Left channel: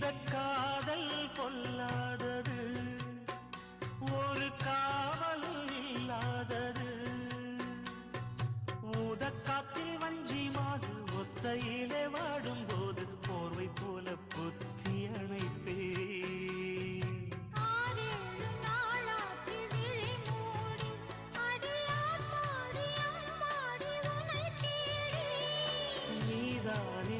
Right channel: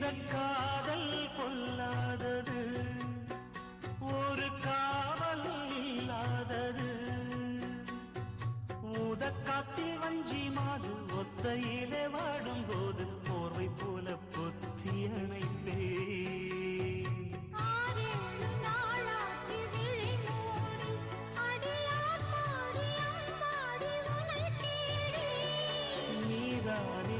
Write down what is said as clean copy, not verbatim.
இந்த காதல் கொல்லாதது ஒரு காவல் இல்லாதது ஊதக்காத்தில் வஞ்சி மாது ஒத்தையிலே வாடும்போது போர்வை போல பொத்தி அணைப்பே நீதானே